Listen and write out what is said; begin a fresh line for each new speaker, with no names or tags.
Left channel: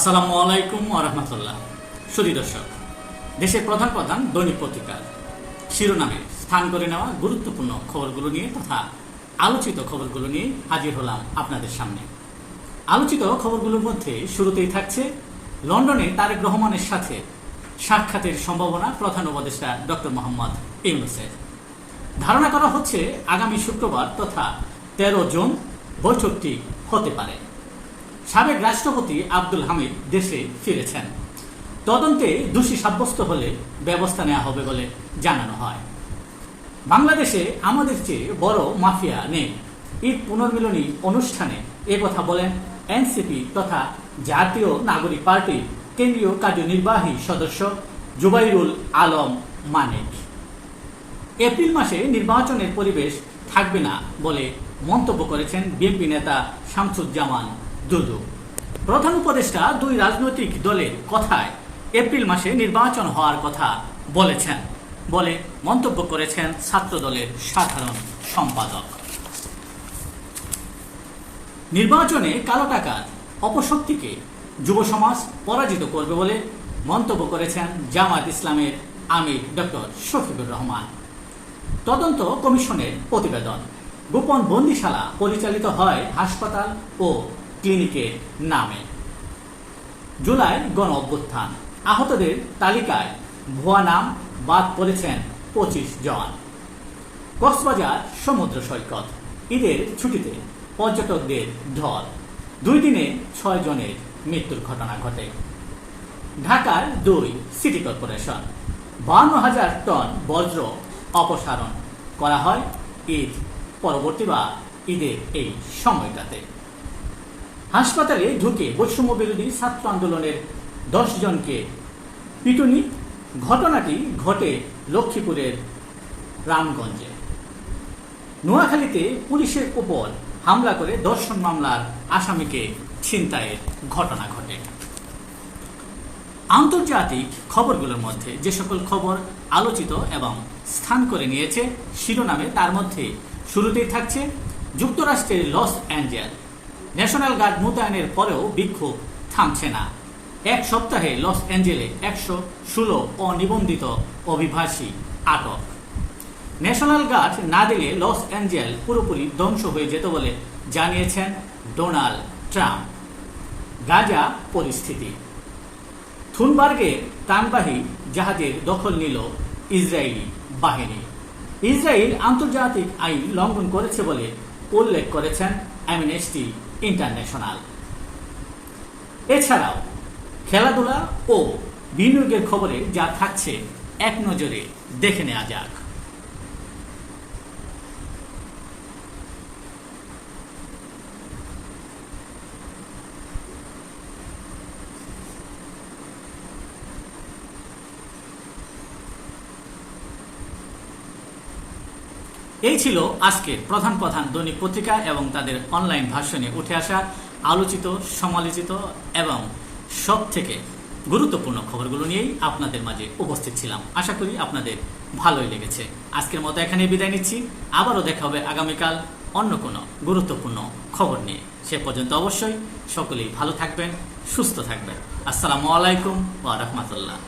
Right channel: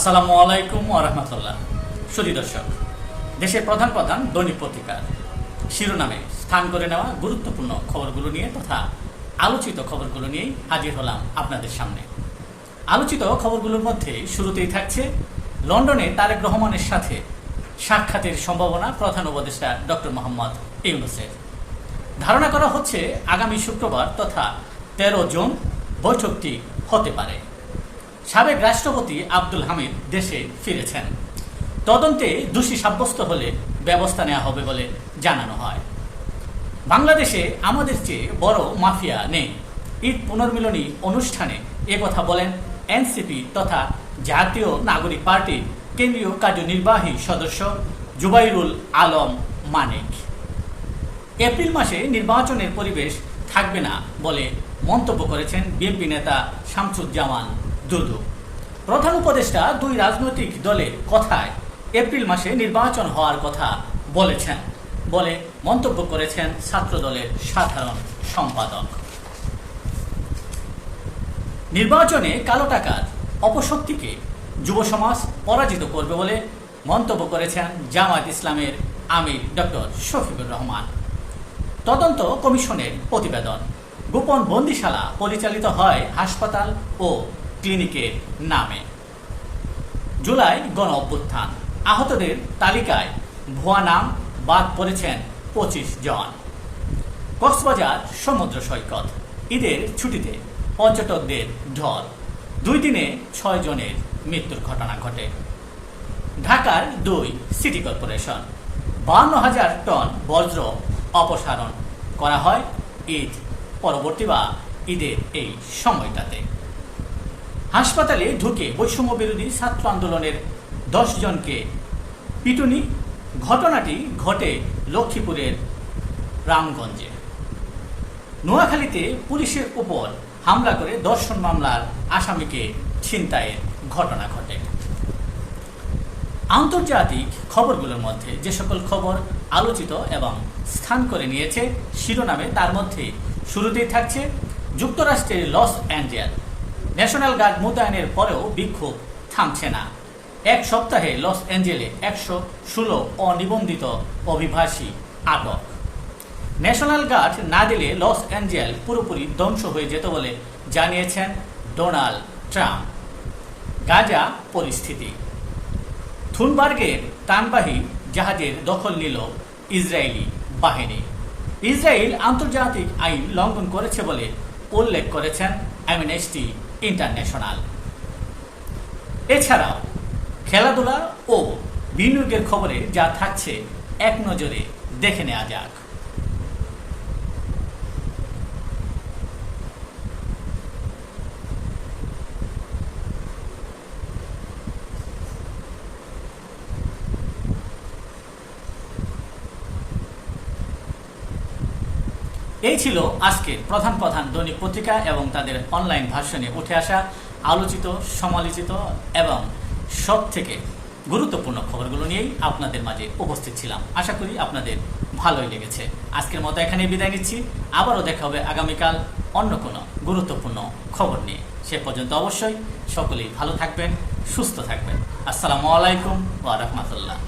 আসসালামু আলাইকুম আরহামতুল্লাহ সুদী দর্শক, দেশের প্রধান প্রধান দৈনিক পত্রিকার শিরোনামে স্থান করে নেওয়া গুরুত্বপূর্ণ খবরগুলো নিয়ে তথা আলোচিত খবরগুলো নিয়ে হাজির হলাম আপনাদের সামনে। আলোচিত খবরগুলোর মধ্যে শুরুতেই থাকছে লন্ডনে তারেক রহমানের সাথে সাক্ষাতের সম্ভাবনা প্রধান উপদেষ্টা ডক্টর মোহাম্মদ ইউনুসের। ধারণা করা হচ্ছে আগামী শুক্রবার তথা তেরো জুন বৈঠকটি হতে পারে। সাবেক রাষ্ট্রপতি আব্দুল হামিদ দেশে ফিরেছেন। তদন্তে দোষী সাব্যস্ত হলে ব্যবস্থা নেওয়া হবে বলে জানানো হয়। বাংলাদেশে আমাদের চেয়ে বড় মাফিয়া নেই। ঈদ পুনর্মিলনী অনুষ্ঠানে কথা বলেন এনসিপি তথা জাতীয় নাগরিক পার্টির কেন্দ্রীয় কার্যনির্বাহী সদস্য জুবাইরুল আলম মানিক। এপ্রিল মাসে নির্বাচনের পরিবেশ থাকবে না বলে মন্তব্য করেছেন বিএনপি নেতা শামসুজ্জামান দুদু। প্রধান উপদেষ্টা দুই রাজনৈতিক দলের কথায় এপ্রিল মাসে নির্বাচন হওয়ার কথা বলেছেন। বলে মন্তব্য করেছেন ছাত্র দলের সাধারণ সম্পাদক। নির্বাচনে কালো টাকার অপশক্তিকে যুব সমাজ পরাজিত করবে বলে মন্তব্য করেছেন জামায়াত ইসলামের আমির ডক্টর শফিকুর রহমান। তদন্ত কমিশনের প্রতিবেদন। গোপন বন্দিশালা পরিচালিত হয় হাসপাতাল ও ক্লিনিকের নামে। জুলাই গণ অভ্যুত্থান। আহতদের তালিকায় ভুয়া নাম বাদ পড়েছেন পঁচিশ জন। কক্সবাজার সমুদ্র সৈকত। ঈদের ছুটিতে পর্যটকদের ঢল। দুই দিনে ছয় জনের মৃত্যুর ঘটনা ঘটে। ঢাকার দুই সিটি কর্পোরেশন। বান্ন হাজার টন বজ্র অপসারণ করা হয় ঈদ পরবর্তী বা ঈদের এই সময়টাতে। হাসপাতালে ঢুকে বৈষম্য বিরোধী ছাত্র আন্দোলনের দশ জনকে পিটুনি। ঘটনাটি ঘটে লক্ষ্মীপুরের রামগঞ্জে। নোয়াখালীতে পুলিশের উপর হামলা করে দর্শন মামলার আসামিকে ছিনতাইয়ের ঘটনা ঘটে। আন্তর্জাতিক খবরগুলোর মধ্যে যে সকল খবর আলোচিত এবং স্থান করে নিয়েছে, শিরোনামে তার মধ্যে শুরুতেই থাকছে যুক্তরাষ্ট্রের লস অ্যাঞ্জেল ন্যাশনাল গার্ড মোতায়েনের পরেও বিক্ষোভ থামছে না। এক সপ্তাহে লস অ্যাঞ্জেলে একশো ষোলো অনিবন্ধিত অভিবাসী আটক। ন্যাশনাল গার্ড না দিলে লস অ্যাঞ্জেল পুরোপুরি ধ্বংস হয়ে যেত বলে জানিয়েছেন ডোনাল্ড ট্রাম্প। গাজা পরিস্থিতি। থুনবার্গের তানবাহী জাহাজের দখল নিল ইসরায়েলি বাহিনী। ইসরায়েল আন্তর্জাতিক আইন লঙ্ঘন করেছে বলে উল্লেখ করেছেন অ্যামনেস্টি ইন্টারন্যাশনাল। এছাড়াও খেলাধুলা ও বিনিয়োগের খবরে যা থাকছে এক নজরে দেখে নেওয়া যাক। এই ছিল আজকের প্রধান প্রধান দৈনিক পত্রিকা এবং তাদের অনলাইন ভাষণে উঠে আসা আলোচিত, সমালোচিত এবং সব থেকে গুরুত্বপূর্ণ খবরগুলো নিয়েই আপনাদের মাঝে উপস্থিত ছিলাম। আশা করি আপনাদের ভালোই লেগেছে। আজকের মতো এখানে বিদায় নিচ্ছি। আবারও দেখা হবে আগামীকাল অন্য কোনো গুরুত্বপূর্ণ খবর নিয়ে। সে পর্যন্ত অবশ্যই সকলেই ভালো থাকবেন, সুস্থ থাকবেন। আসসালামু আলাইকুম ওয়া রাহমাতুল্লাহ।